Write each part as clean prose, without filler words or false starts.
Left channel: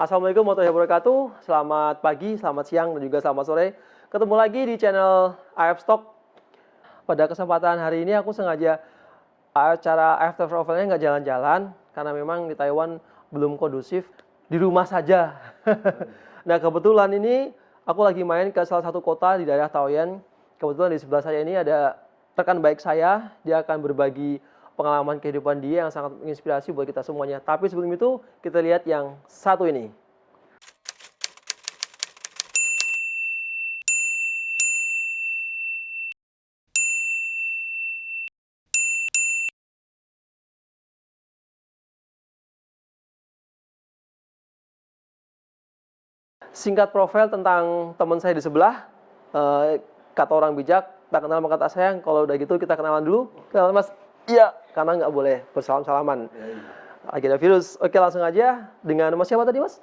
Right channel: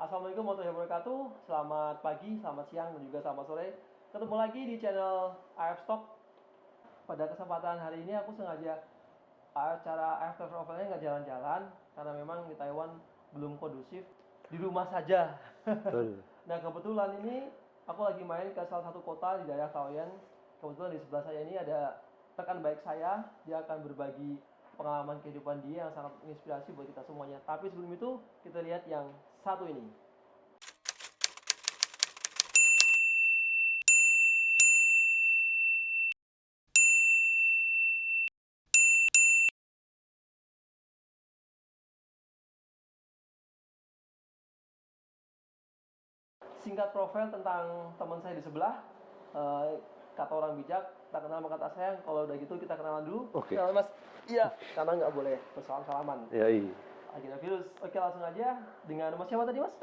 Assalamualaikum warahmatullahi wabarakatuh. Selamat pagi, selamat siang, dan juga selamat sore. Ketemu lagi di channel AF Stock. Pada kesempatan hari ini aku sengaja acara AF Travel-nya nggak jalan-jalan karena memang di Taiwan belum kondusif. Di rumah saja. Nah, kebetulan ini aku lagi main ke salah satu kota di daerah Taoyuan. Kebetulan di sebelah saya ini ada rekan baik saya. Dia akan berbagi pengalaman kehidupan dia yang sangat menginspirasi buat kita semuanya. Tapi sebelum itu, kita lihat yang satu ini. Singkat profil tentang teman saya di sebelah. Kata orang bijak, tak kenal maka tak sayang. Kalau udah gitu kita kenalan dulu. Oke. Kenalan Mas. Iya, karena nggak boleh bersalam-salaman. Ya, iya. Lagi ada virus. Oke, langsung aja. Dengan Mas siapa tadi, Mas?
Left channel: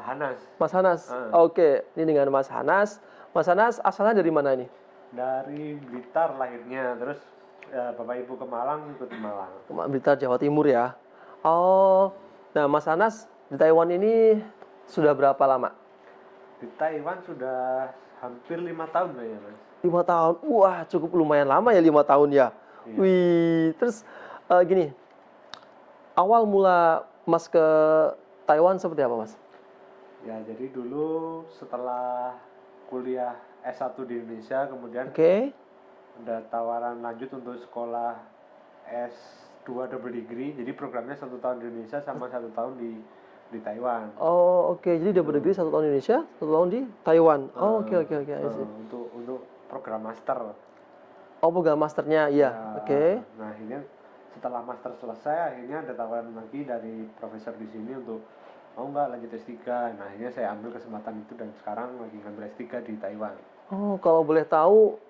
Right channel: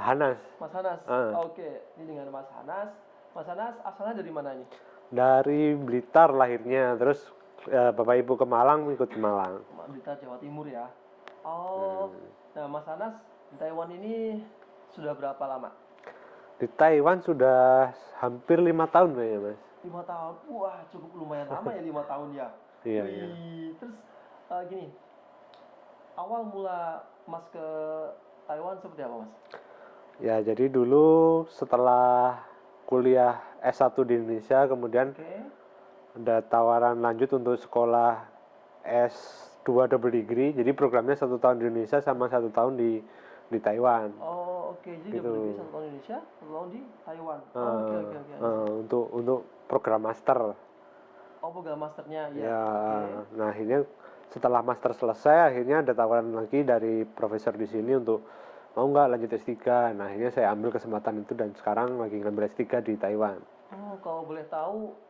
Hanas. Mas Hanas. Oke, ini dengan Mas Hanas. Mas Hanas asalnya dari mana ini? Dari Blitar lahirnya, terus Bapak Ibu ke Malang, ikut ke Malang. Blitar, Jawa Timur ya. Oh, nah Mas Hanas di Taiwan ini sudah berapa lama? Di Taiwan sudah hampir 5 tahun kayaknya, Mas. 5 tahun. Wah, cukup lumayan lama ya 5 tahun ya. Iya. Wih, terus gini. Awal mula Mas ke Taiwan seperti apa, Mas? Ya, jadi dulu setelah kuliah S1 di Indonesia, kemudian Oke. ada tawaran lanjut untuk sekolah S2 double degree. Jadi programnya 1 tahun di Indonesia sama 1 tahun di Taiwan. Oh, oke. Jadi double degree 1 tahun di Indonesia, 1 tahun di Taiwan. Oh, oke. Untuk program master. Oh, program masternya, iya. Ya, Oke. Nah, akhirnya setelah master selesai, akhirnya ada tawaran lagi dari profesor di sini untuk mau nggak lanjut S3. Nah, akhirnya saya ambil kesempatan itu dan sekarang lagi ngambil S3 di Taiwan. Oh, kalau boleh tahu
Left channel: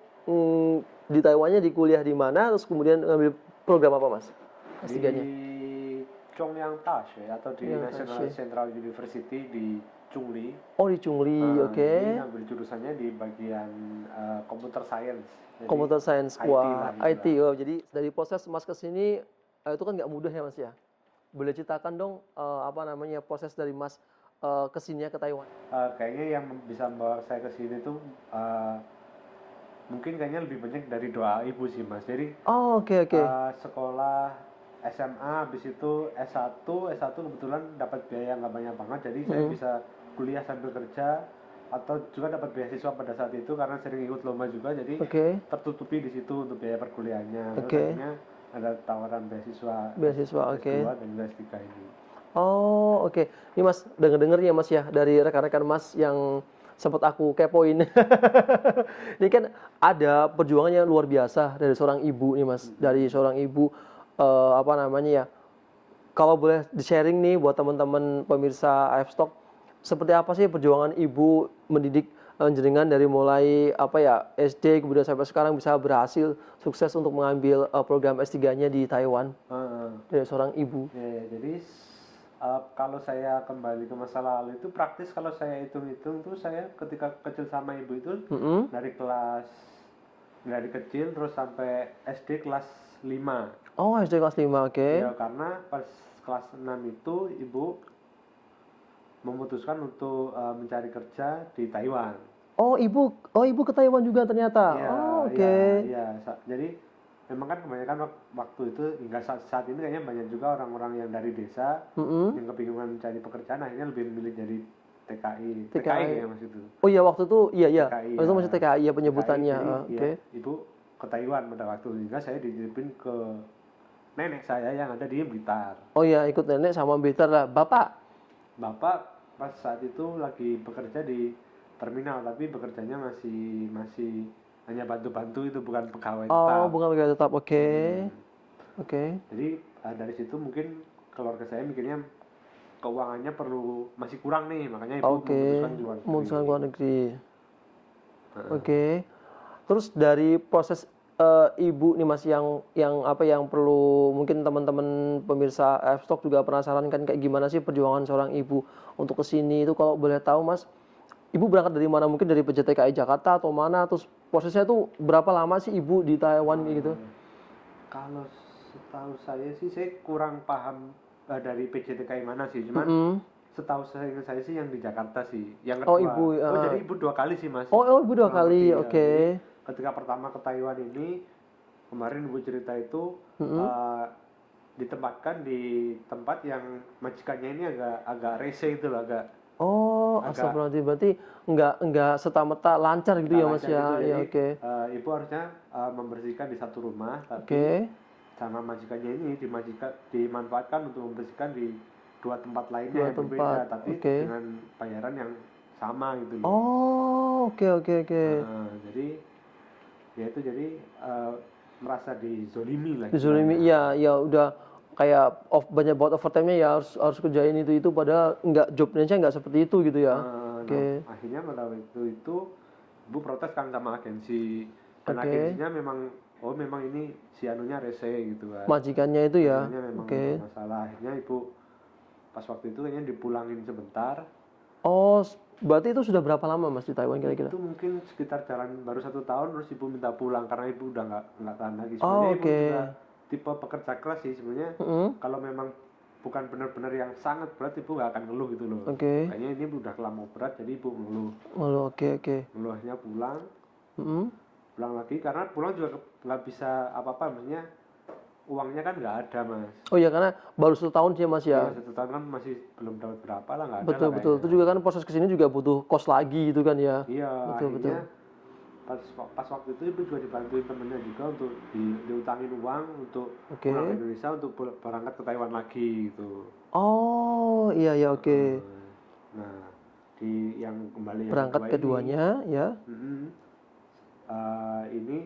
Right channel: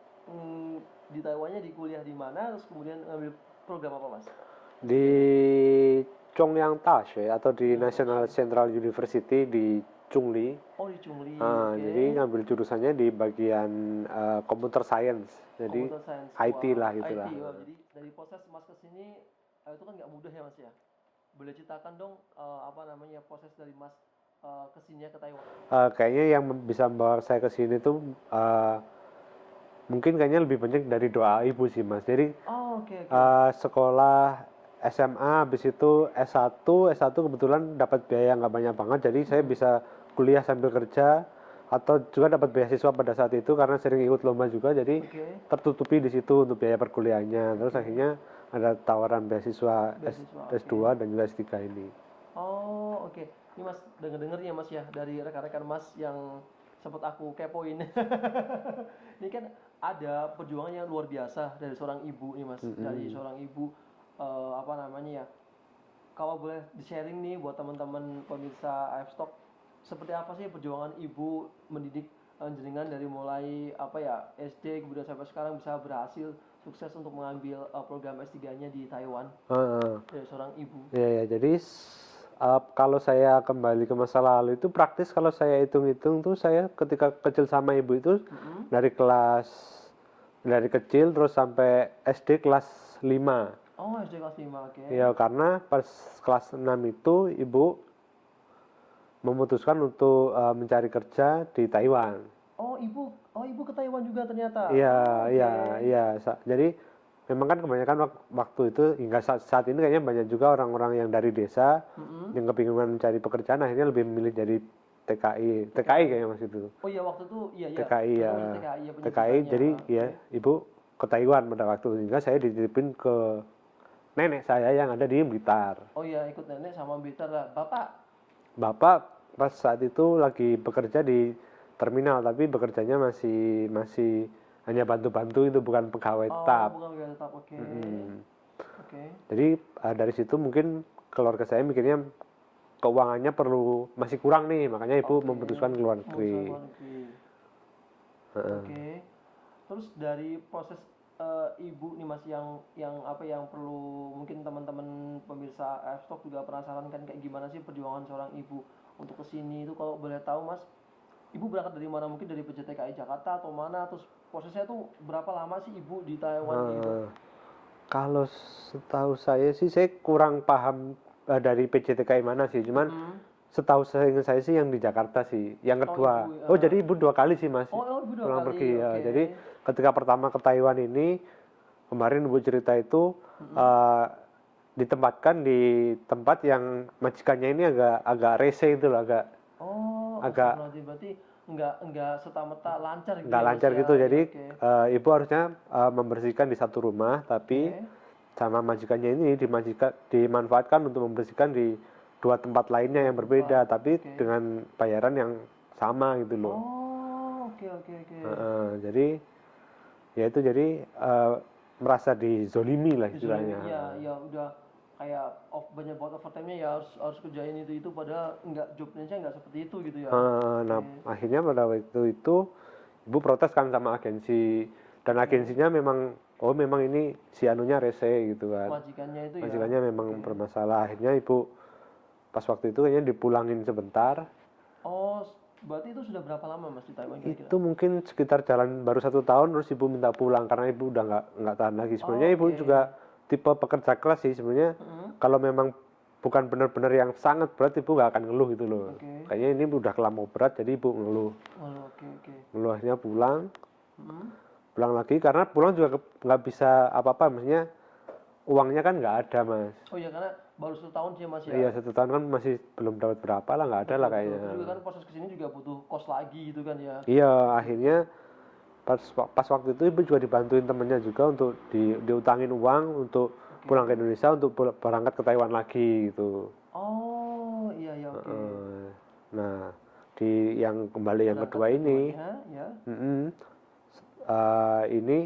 di Taiwannya di kuliah di mana, terus kemudian ngambil program apa, Mas? Di Chongyang Dashi atau di Chongyang National Dashi. Central University di Chungli. Oh, di Chungli, Nah, oke. Jadi ngambil jurusannya di bagian computer science. Jadi, Computer Science. IT Wah, lah, itulah. IT. Oh, jadi dari proses Mas ke sini itu kan nggak mudah ya, Mas ya? Boleh ceritakan dong apa namanya proses dari Mas ke sini ke Taiwan? Kayaknya yang bisa membawa saya ke sini tuh mungkin kayaknya lebih banyak dari doa ibu sih, Mas. Jadi Oh, oke. sekolah SMA, habis itu S1 kebetulan dapat biaya nggak banyak banget, jadi saya bisa kuliah sambil kerja, atau juga dapat beasiswa pada saat itu karena sering ikut lomba juga, jadi Oke. tertutupi di situ untuk biaya perkuliahannya. Terus Oke. akhirnya ada tawaran beasiswa Beasiswa, oke. S2 dan juga S3 ini. Oh, oke. Ini Mas, denger-denger ya Mas ya, dari rekan-rekan Mas yang sempat aku kepoin. Ini kan ada perjuangan yang luar biasa dari seorang ibu nih Mas. Dari seorang ibu, apa namanya ya, kalau boleh di-sharing nih buat teman-teman pemirsa AF Stock, seperti apa sih perjuangan ibu mendidik jenengan dari mulai apa ya, SD kemudian sampai sekarang bisa berhasil sukses untuk mengambil program S3-nya di Taiwan dari seorang ibu. Ya, jadi kalau saya kembali ke masa lalu itu praktis, kalau saya hitung-hitung tuh saya ketika kecil sama ibu itu dari kecil terus sampai SD kelas 5. Oh, SD kelas 5, oke. Ya, karena pas kelas 6 itu ibu memutuskan untuk mencari kerja di Taiwan. Oh, ibu ke Taiwan juga ternyata. Iya, Oh, oke. iya. Jadi memang kan kebanyakan waktu itu hingga saat ini kayaknya banyak juga orang-orang yang dari desa yang kebingungan mencari pekerjaan, akhirnya lebih memilih jadi TKI kayaknya masih itu. Oh iya, waktu itu iya. TKI, Waktu itu masih TKI ya penyebutannya. Jadi Oke. ya, ibu ke Taiwan pada waktu itu, hingga saya dititipin ke nenek saya yang ada di Blitar. Oh iya, ikut nenek sama Blitar lah. Bapak pas saat itu lagi bekerja di terminal, tapi bekerjanya masih hanya bantu-bantu, itu bukan pegawai tetap. Oh, bukan pegawai tetap. Oke. Oke. Jadi dari situ mungkin keluarga saya mikirnya keuangannya masih kurang nih, makanya ibu memutuskan keluar negeri. Memutuskan keluar negeri. Oke. Terus dari proses ibu nih Mas yang apa yang perlu mungkin teman-teman pemirsa F-Stock juga penasaran kan kayak gimana sih perjuangan seorang ibu untuk kesini itu, kalau boleh tahu Mas, ibu berangkat dari mana, mungkin dari PJTKI Jakarta atau mana, terus prosesnya tuh berapa lama sih ibu di Taiwan gitu? Kalau setahu saya sih, saya kurang paham dari PJTKI mana sih, cuman Setahu seingat saya sih yang di Jakarta sih. Yang Oh, kedua. ibu. Oh, jadi ibu 2 kali sih Mas. Oh, ibu 2 Pulang kali. pergi ya. Oke. Jadi ketika pertama ke Taiwan ini kemarin ibu cerita itu eh, ditempatkan di tempat yang majikannya ini agak rese itu loh, agak Oh, agak astagfirullahaladzim. Berarti nggak serta-merta lancar gitu nggak ya, Mas lancar ya? gitu. Ya, Jadi oke. ibu harusnya membersihkan di satu rumah, tapi Oke. sama majikannya ini dimanfaatkan untuk membersihkan di 2 tempat lainnya 2 yang tempat. berbeda, tapi Oke. dengan bayaran yang sama gitu loh. Oh, oke, oke, oke. Jadi ya itu jadi merasa dizolimi lah Dizulimi, istilahnya. iya, ya udah kayak banyak buat overtime-nya ya harus kerjain itu padahal nggak job Indonesia nggak seperti itu gitu ya. Nah, Oke. akhirnya pada waktu itu ibu protes kan sama agensi, dan Oke. agensinya memang ini si anunya rese gitu kan. Majikannya itu ya. Majikannya memang Oke. bermasalah. Akhirnya ibu pas waktu itu kayaknya dipulangin sebentar. Oh, berarti itu sudah berapa lama Mas di Taiwan kira-kira? Itu mungkin sekitar jalan baru 1 tahun, terus ibu minta pulang karena ibu udah nggak tahan lagi. Sebenarnya Oh, ibu oke. juga tipe pekerja keras sih sebenarnya. Kalau memang bukan benar-benar yang sangat berat, ibu nggak akan ngeluh gitu loh. Oke. Kayaknya ini udah kelamau berat, jadi ibu ngeluh. Oh, oke, oke. Ngeluh akhirnya pulang Mm-mm. lagi karena pulang juga nggak bisa apa-apa, maksudnya uangnya kan nggak ada Mas. Oh ya, karena baru 1 tahun sih Mas ya. Iya 1 tahun kan masih belum dapat berapa lah, nggak ada Betul, lah betul. Itu kayaknya. juga kan proses kesini juga butuh kos lagi gitu kan ya. Iya, Betul, akhirnya pas waktu itu ibu juga dibantuin temennya juga untuk diutangin uang untuk Oke. pulang ke Indonesia untuk berangkat ke Taiwan lagi gitu. Oh, iya, ya, oke. Nah, di yang kembali yang Berangkat kedua ini, keduanya ya. ini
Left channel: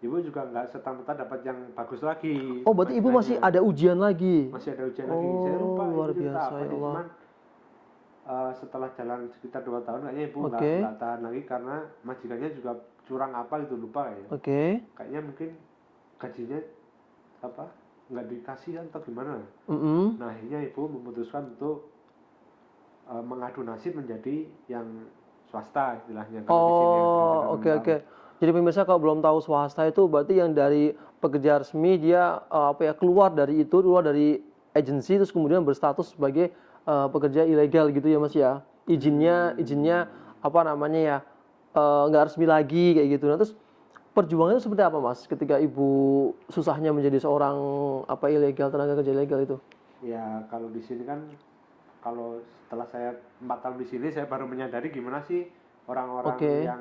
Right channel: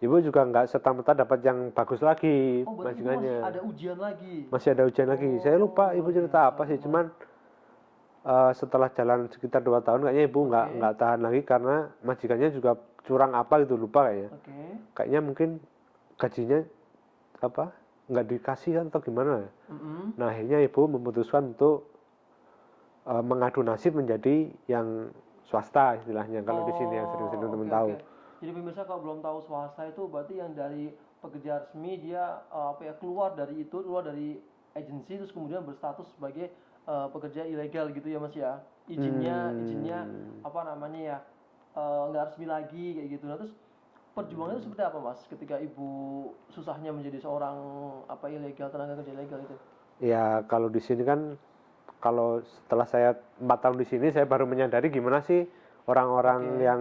ibu juga nggak serta-merta dapat yang bagus lagi. Oh, berarti ibu masih majikannya. ada ujian lagi. Masih ada ujian lagi. Saya lupa ibu luar cerita biasa, apa ya sih, Allah. cuman setelah jalan sekitar 2 tahun kayaknya ibu nggak tahan lagi karena majikannya juga curang apa gitu, lupa kayaknya. Oke. Kayaknya mungkin gajinya apa nggak dikasih kan atau gimana. Nah akhirnya ibu memutuskan untuk mengadu nasib menjadi yang swasta istilahnya kalau di sini yang sering-sering Oh, belum oke, tahu. oke. Jadi pemirsa kalau belum tahu swasta itu berarti yang dari pekerja resmi dia keluar dari agensi terus kemudian berstatus sebagai pekerja ilegal gitu ya Mas ya. Izinnya apa namanya ya nggak resmi lagi kayak gitu. Nah, terus perjuangannya seperti apa Mas ketika ibu susahnya menjadi seorang tenaga kerja ilegal itu? Ya kalau di sini kan, kalau setelah saya 4 tahun di sini saya baru menyadari gimana sih orang-orang Oke. yang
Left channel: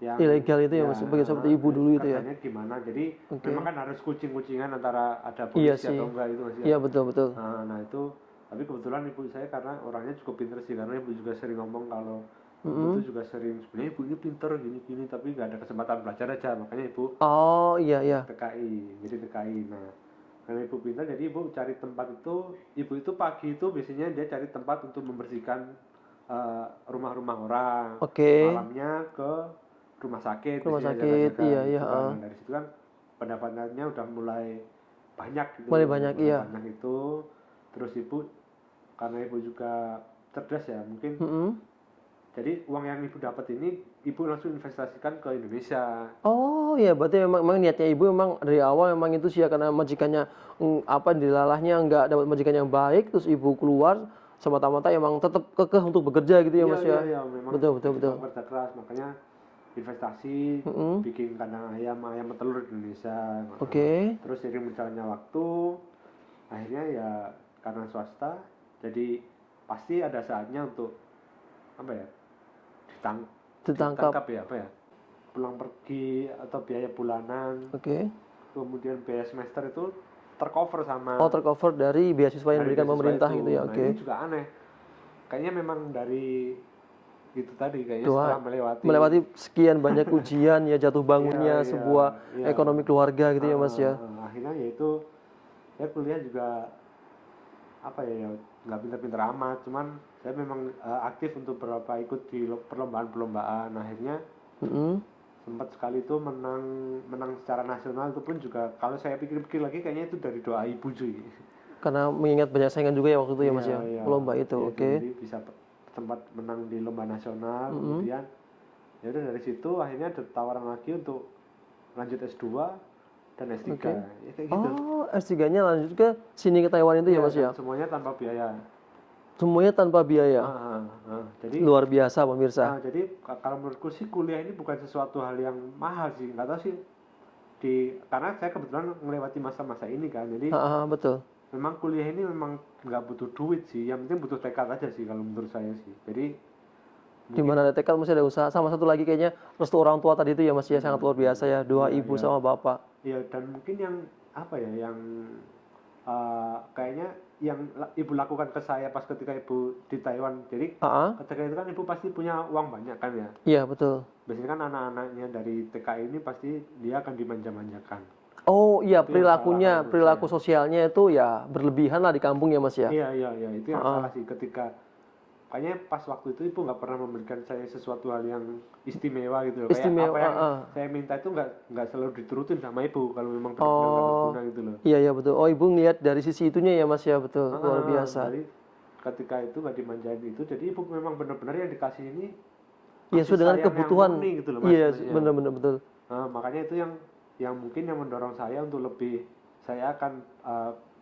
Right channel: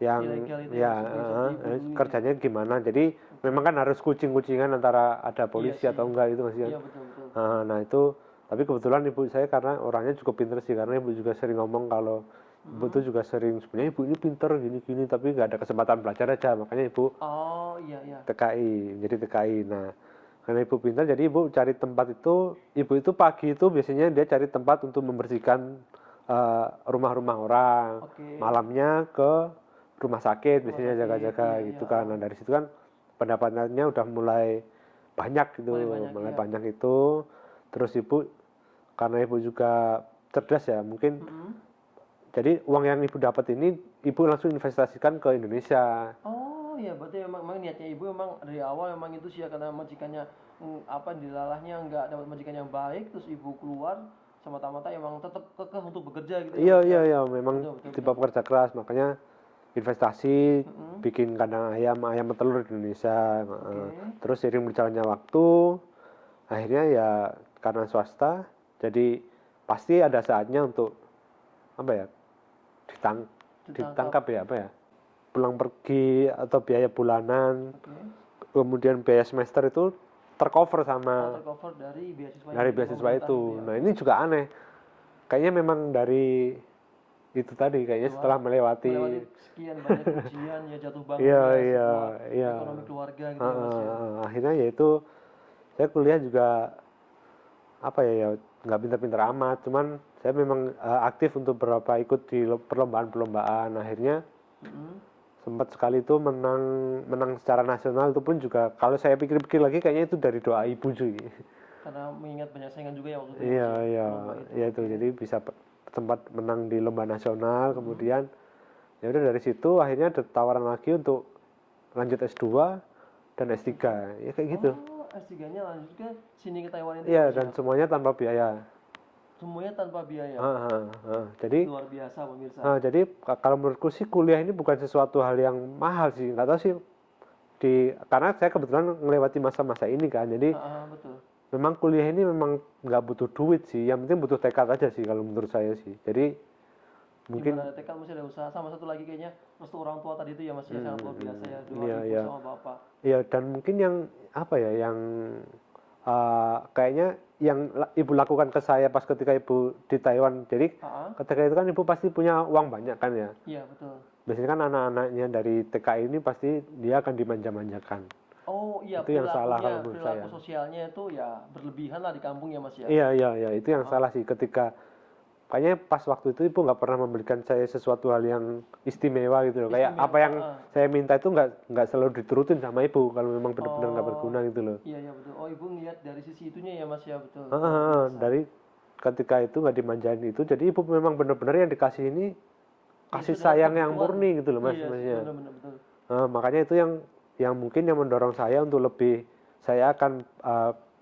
Ilegal itu ya, Mas, seperti ibu dulu itu ya. kerjanya gimana. Jadi memang kan harus kucing-kucingan antara ada polisi Iya atau sih. enggak itu Mas ya. Iya, betul, betul. Nah itu, tapi kebetulan ibu saya karena orangnya cukup pinter sih, karena ibu juga sering ngomong kalau ibu tuh juga sering sebenarnya ibu ini pinter gini-gini tapi nggak ada kesempatan belajar aja, makanya ibu Oh, iya, iya. TKI, jadi TKI. Nah karena ibu pintar jadi ibu cari tempat itu, ibu itu pagi itu biasanya dia cari tempat untuk membersihkan rumah-rumah orang, Oke. malamnya ke rumah sakit biasanya sakit, jaga-jaga iya, gitu iya, kan. Nah, dari situ kan pendapatannya udah mulai banyak gitu, Mulai banyak, iya. banyak itu. Terus ibu karena ibu juga cerdas ya mungkin, jadi uang yang ibu dapat ini ibu langsung investasikan ke Indonesia. Oh ya, berarti memang niatnya ibu memang dari awal memang itu sih ya, karena majikannya dilalahnya nggak dapat majikan yang baik, terus ibu keluar semata-mata emang tetap kekeh untuk bekerja gitu ya Iya Mas ya. iya memang Betul, tipe pekerja keras, makanya investasi bikin kandang ayam petelur di Indonesia. Oke. Terus seiring berjalannya waktu akhirnya ya karena swasta jadi pasti ada saatnya untuk apa ya ditangkap ya, apa ya, pulang pergi atau biaya bulanan, Oke. kemudian biaya semester itu tercover sama Oh, tercover dari beasiswa yang diberikan beasiswa pemerintah itu. gitu ya. Nah Oke. ini juga aneh, kayaknya memang dari itu tadi, kayaknya setelah Melewati sekian banyak ujian ya, jatuh bangunnya Iya, sebuah iya. ekonomi keluarga gitu ya Mas ya. Akhirnya yaitu saya kuliah juga apa ya nggak pinter-pinter amat, cuman saya memang aktif untuk beberapa ikut di perlombaan-perlombaan. Akhirnya sempat sekali itu menang secara nasional, itu pun juga kalau saya pikir-pikir lagi kayaknya itu dari doa ibu cuy. Karena mengingat banyak saingan juga ya waktu itu ya Mas ya, Iya, lomba itu. iya, Oke. jadi bisa sempat menang di lomba nasional. Kemudian ya udah dari situ akhirnya ada tawaran lagi untuk lanjut S2 dan S3. Ya kayak gitu. Oh, S3-nya lanjut ke sini ke Taiwan itu ya Mas ya. Dan semuanya tanpa biaya. Semuanya tanpa biaya. Jadi Luar biasa pemirsa. jadi kalau menurutku sih kuliah ini bukan sesuatu hal yang mahal sih, nggak tahu sih karena saya kebetulan melewati masa-masa ini kan, jadi Betul. memang kuliah ini memang nggak butuh duit sih, yang penting butuh tekad aja sih kalau menurut saya sih. Jadi Gimana ada tekad mesti ada usaha. Sama satu lagi kayaknya restu orang tua tadi itu ya Mas ya sangat luar biasa ya. Doa Iya, ibu iya. sama bapak. ya dan mungkin yang apa ya, yang kayaknya yang ibu lakukan ke saya pas ketika ibu di Taiwan. Jadi ketika itu kan ibu pasti punya uang banyak kan ya. Iya betul. Biasanya kan anak-anaknya dari TKI ini pasti dia akan dimanja-manjakan. Oh iya, Itu yang salah kalau menurut perilaku saya. sosialnya itu ya berlebihan lah di kampung ya Mas ya. Iya, itu yang salah sih, ketika kayaknya pas waktu itu ibu nggak pernah memberikan saya sesuatu hal yang istimewa gitu loh. Kayak Istimewa, apa yang saya minta itu nggak selalu diturutin sama ibu kalau memang benar-benar nggak berguna gitu loh. Iya betul. Oh ibu ngeliat dari sisi itunya ya Mas ya, betul. Luar biasa. Dari ketika itu nggak dimanjain itu, jadi ibu memang benar-benar yang dikasih ini Ya kasih sudah sayang kebutuhan yang murni gitu loh Mas. Iya sebenarnya. benar-benar betul. Nah, makanya itu yang mungkin yang mendorong saya untuk lebih, saya akan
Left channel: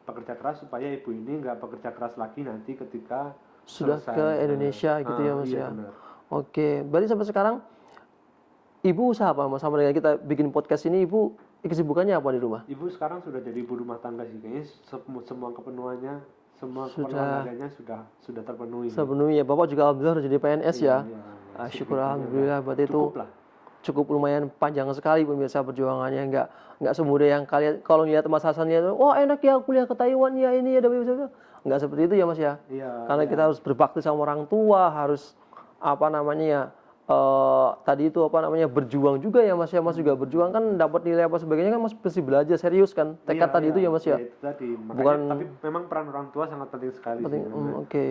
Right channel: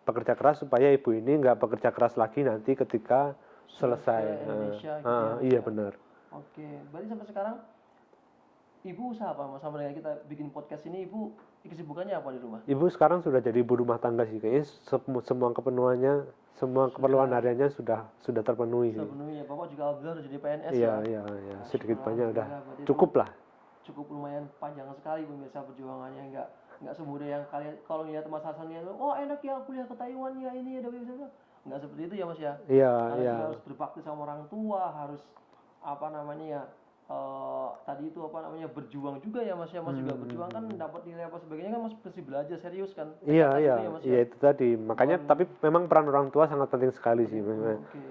bekerja keras supaya ibu ini nggak bekerja keras lagi nanti ketika Sudah selesai. ke Indonesia gitu ya Mas Iya ya. benar. Oke, berarti sampai sekarang ibu usaha apa Mas? Sama dengan kita bikin podcast ini, ibu kesibukannya apa di rumah? Ibu sekarang sudah jadi ibu rumah tangga sih, kayaknya semua kepenuhannya, semua keperluan hariannya sudah terpenuhi. Sepenuhnya. Bapak juga alhamdulillah sudah jadi PNS ya. Iya. Syukur alhamdulillah, berarti itu Cukup lah. cukup lumayan panjang sekali pemirsa perjuangannya, nggak semudah yang kalian kalau lihat Mas Hasannya itu, wah enak ya kuliah ke Taiwan ya ini ya, nggak seperti itu ya Mas ya. Iya. Karena kita harus berbakti sama orang tua, harus apa namanya ya, tadi itu apa namanya berjuang juga ya Mas ya. Mas juga berjuang kan dapat nilai apa sebagainya kan Mas mesti belajar serius kan, tekad tadi itu ya Mas ya. Iya itu tadi, makanya tapi memang peran orang tua sangat penting sekali sih. Oke.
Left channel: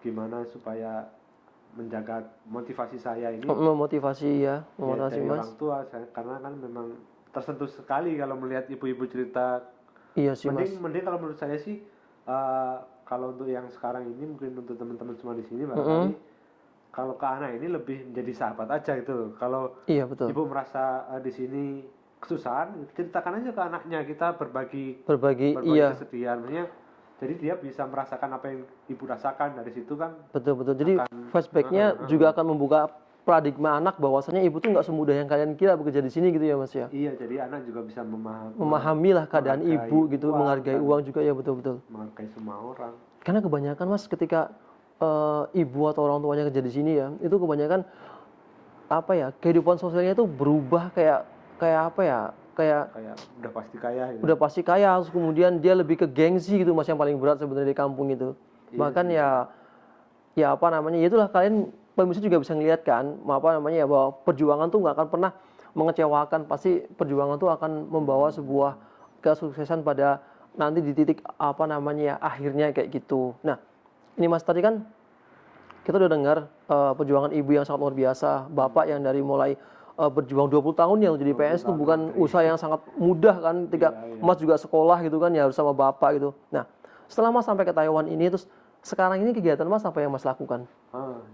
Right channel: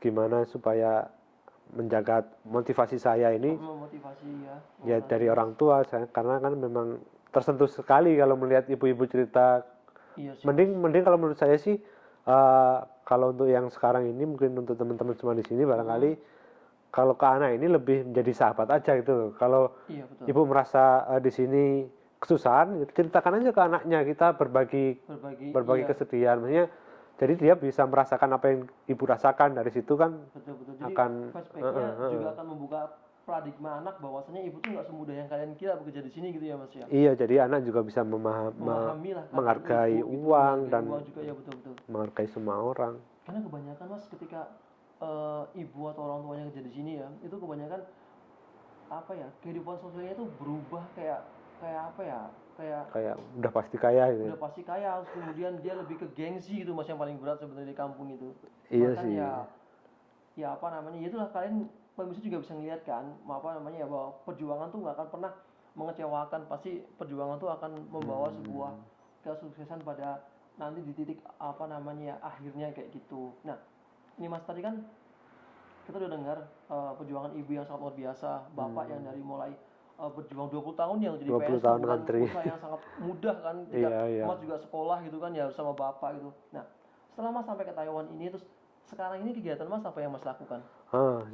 Gimana supaya menjaga motivasi saya ini Memotivasi ya, dari orang tua saya, karena kan memang tersentuh sekali kalau melihat ibu-ibu cerita. Iya sih mending kalau menurut saya sih, kalau untuk yang sekarang ini mungkin untuk teman-teman semua di sini barangkali kalau ke anak ini lebih menjadi sahabat aja gitu. Kalau iya betul. ibu merasa di sini kesusahan, ceritakan aja ke anaknya, kita berbagi iya. kesedihan. Maksudnya, jadi dia bisa merasakan apa yang ibu rasakan, dari situ kan. Betul. Jadi flashbacknya juga akan membuka paradigma anak bahwasanya ibu tuh nggak semudah yang kalian kira bekerja di sini gitu ya Mas ya. Iya, jadi anak juga bisa memahami lah keadaan ibu gitu, menghargai uang juga ya, betul. Menghargai semua orang. Karena kebanyakan Mas ketika ibu atau orang tuanya kerja di sini ya, itu kebanyakan apa ya, kehidupan sosialnya itu berubah kayak apa ya, kayak udah pasti kaya gitu. Udah pasti kaya, terus kemudian dia lebih ke gengsi gitu Mas, yang paling berat sebenarnya di kampung itu. Iya Bahkan sih. ya apa namanya, ya itulah kalian pemirsa juga bisa ngeliat kan, apa namanya ya, bahwa perjuangan tuh nggak akan pernah mengecewakan, pasti perjuangan tuh akan membawa sebuah kesuksesan pada nanti di titik apa namanya ya, akhirnya kayak gitu. Nah, ini Mas tadi kan kita udah dengar perjuangan ibu yang sangat luar biasa, bapak yang dari mulai berjuang 20 tahun ya jadi PNS itu bukan usaha yang sangat mudah kan, ketika Mas juga sekolah gitu kan ya harus sama bapak gitu. Nah, setelah Mas sampai ke Taiwan ini, terus sekarang ini kegiatan Mas apa yang Mas lakukan?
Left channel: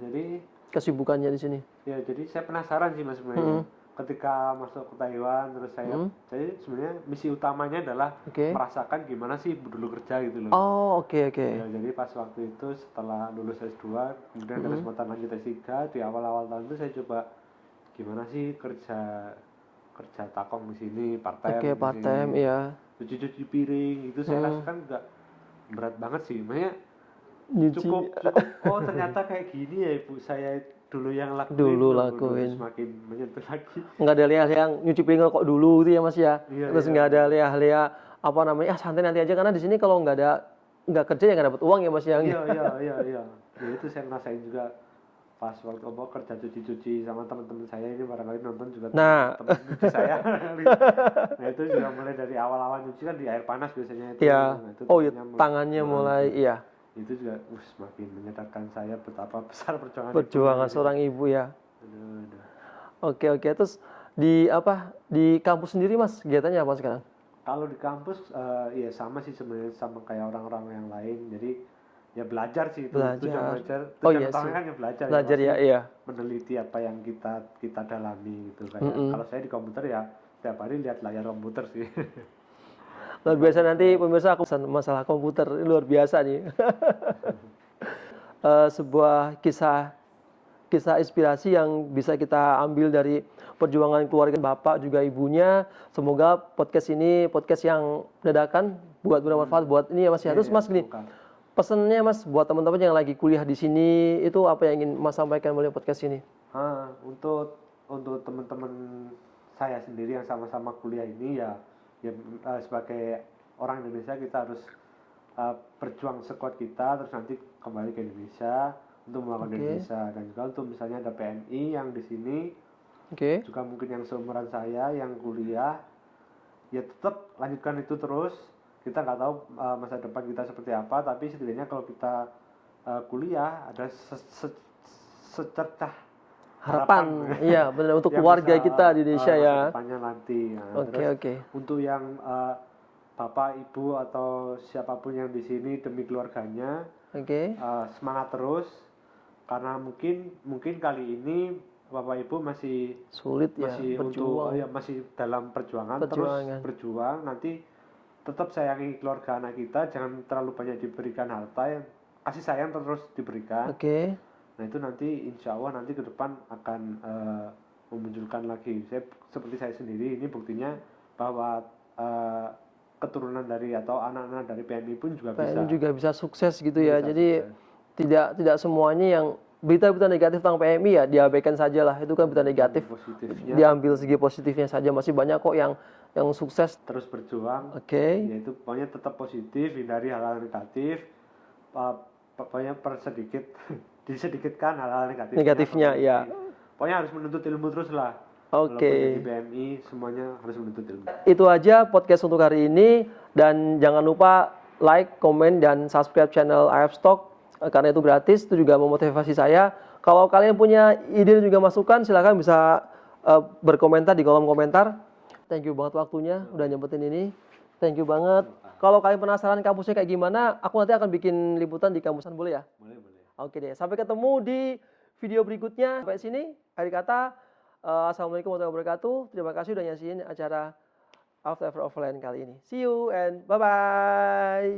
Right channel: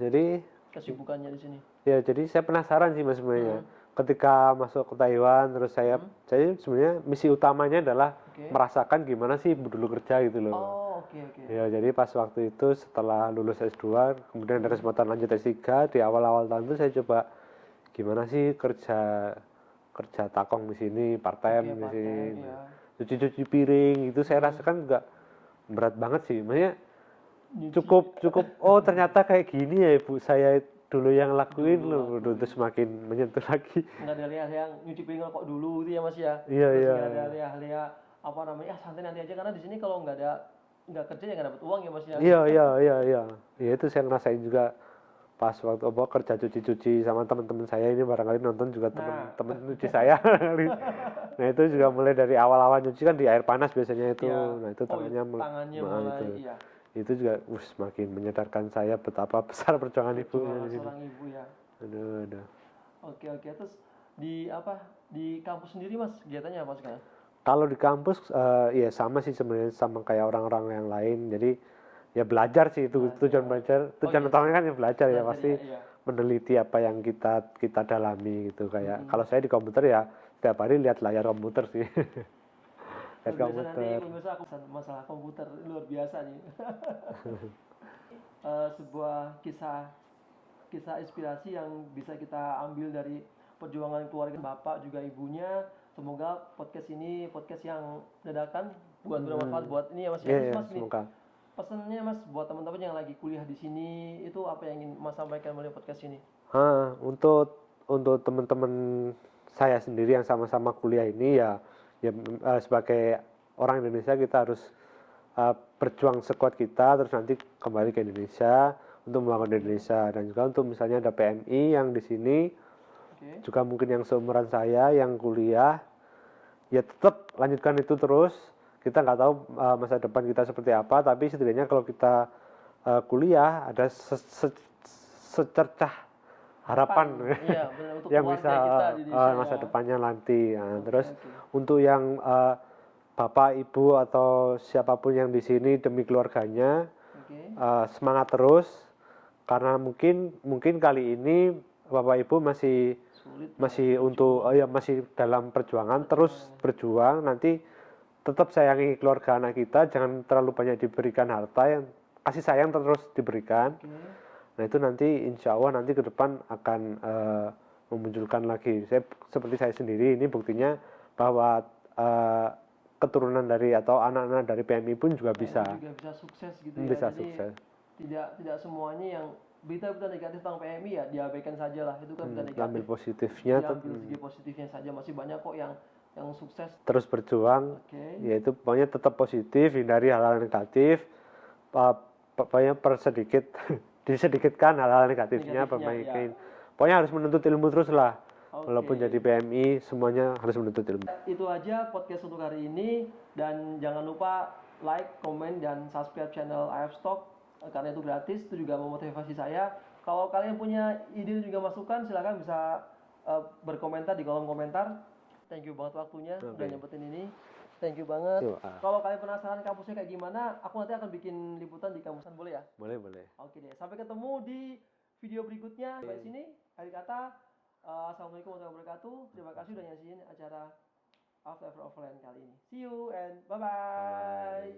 Jadi kesibukannya di sini. Ya, jadi saya penasaran sih Mas sebenarnya. Ketika masuk ke Taiwan, terus saya sebenarnya misi utamanya adalah merasakan gimana sih ibu dulu kerja gitu loh. Oh, oke. Ya, jadi pas waktu itu setelah lulus S2, kemudian ada kesempatan lanjut S3, di awal-awal tahun itu saya coba gimana sih kerja takong di sini, part-time. Oke, part-time, iya. Cuci-cuci piring itu saya rasakan nggak berat banget sih. Maksudnya cukup oh ternyata kayak gini ya ibu saya dulu yang lakuin. Terus semakin menyentuh lagi. Nggak ada lihat yang nyuci piring kok dulu gitu ya Mas ya. Terus nggak ada lihat apa namanya, santai nanti aja, karena di sini kalau nggak kerja ya nggak dapat uang ya Mas ya. Iya. Ya itu saya ngerasain juga pas waktu kerja cuci-cuci sama teman-teman saya ini, barangkali nonton juga teman cuci saya. Nah itu juga mulai dari awal-awal nyuci kan di air panas biasanya itu. Iya. Nah, itu tangannya mulai iya. Itu juga semakin menyadarkan saya betapa besar perjuangan seorang ibu ya. Aduh. Oke. Terus di kampus sendiri Mas kegiatannya apa sekarang? Kalau di kampus ya sama sih sebenarnya, sama kayak orang-orang yang lain. Jadi ya belajar sih itu. Tujuan utamanya kan yang belajar ya. Iya. Meneliti apa yang kita dalami gitu. Kayak kalau saya di komputer ya setiap hari lihat layar komputer sih. Luar biasa. Nanti pemirsa aku pesan masalah komputer, luar biasa nih. sebuah kisah inspirasi yang bisa kita ambil dari perjuangan keluarga Bapak juga ibunya. Semoga podcast ini podcast yang dadakan buat bermanfaat buat ini ya Mas ya. Terus Mas gini, semoga. pesannya Mas buat teman-teman yang lagi kuliah di sini itu apa yang ingin Mas sampaikan melalui podcast ini? Untuk teman-teman saya sendiri yang sama-sama kuliah ini sebagai orang Indonesia kita harus berjuang sekuat kita, terus nanti kembali ke Indonesia untuk membangun Indonesia. Dan juga untuk misalnya ada PMI yang di sini, juga mungkin yang seumuran saya yang kuliah, ya tetap lanjutkan itu terus. Kita nggak tahu masa depan kita seperti apa, tapi setidaknya kalau kita kuliah ada secercah harapan. Iya, benar untuk yang keluarga bisa, kita di Indonesia ya. masa depannya nanti. Nah, terus Oke. untuk yang Bapak, Ibu atau siapapun yang di sini demi keluarganya, semangat terus, karena mungkin kali ini Bapak Ibu masih sulit ya, masih dalam perjuangan, terus berjuang. Nanti tetap sayangi keluarga anak kita, jangan terlalu banyak diberikan harta, yang kasih sayang terus diberikan. Nah itu nanti insya Allah nanti ke depan akan memunculkan lagi. Seperti saya sendiri ini buktinya bahwa keturunan dari atau anak-anak dari PMI pun juga bisa sukses gitu ya. Jadi tidak semuanya yang berita-berita negatif tentang PMI ya diabaikan saja lah. Itu kan berita negatif. Diambil segi positifnya saja. Masih banyak kok yang sukses. Terus berjuang. Yaitu pokoknya tetap positif, hindari hal-hal negatif. Pokoknya disedikitkan hal-hal negatifnya ya. Pokoknya harus menuntut ilmu terus lah. Walaupun jadi PMI, semuanya harus menuntut ilmu. Itu aja podcast untuk hari ini. Dan jangan lupa like, komen, dan subscribe channel IF Stock. Karena itu gratis, itu juga memotivasi saya. Kalau kalian punya ide dan juga masukan, silakan bisa berkomentar di kolom komentar. Thank you banget waktunya, udah nyempetin ini. Thank you banget. Kalau kalian penasaran kampusnya kayak gimana, aku nanti akan bikin liputan di kampusan, boleh ya? Boleh. Oke deh, sampai ketemu di video berikutnya. Sampai sini, akhir kata, Assalamualaikum warahmatullahi wabarakatuh. Terima kasih udah nyaksiin acara After Offline kali ini. See you and bye-bye.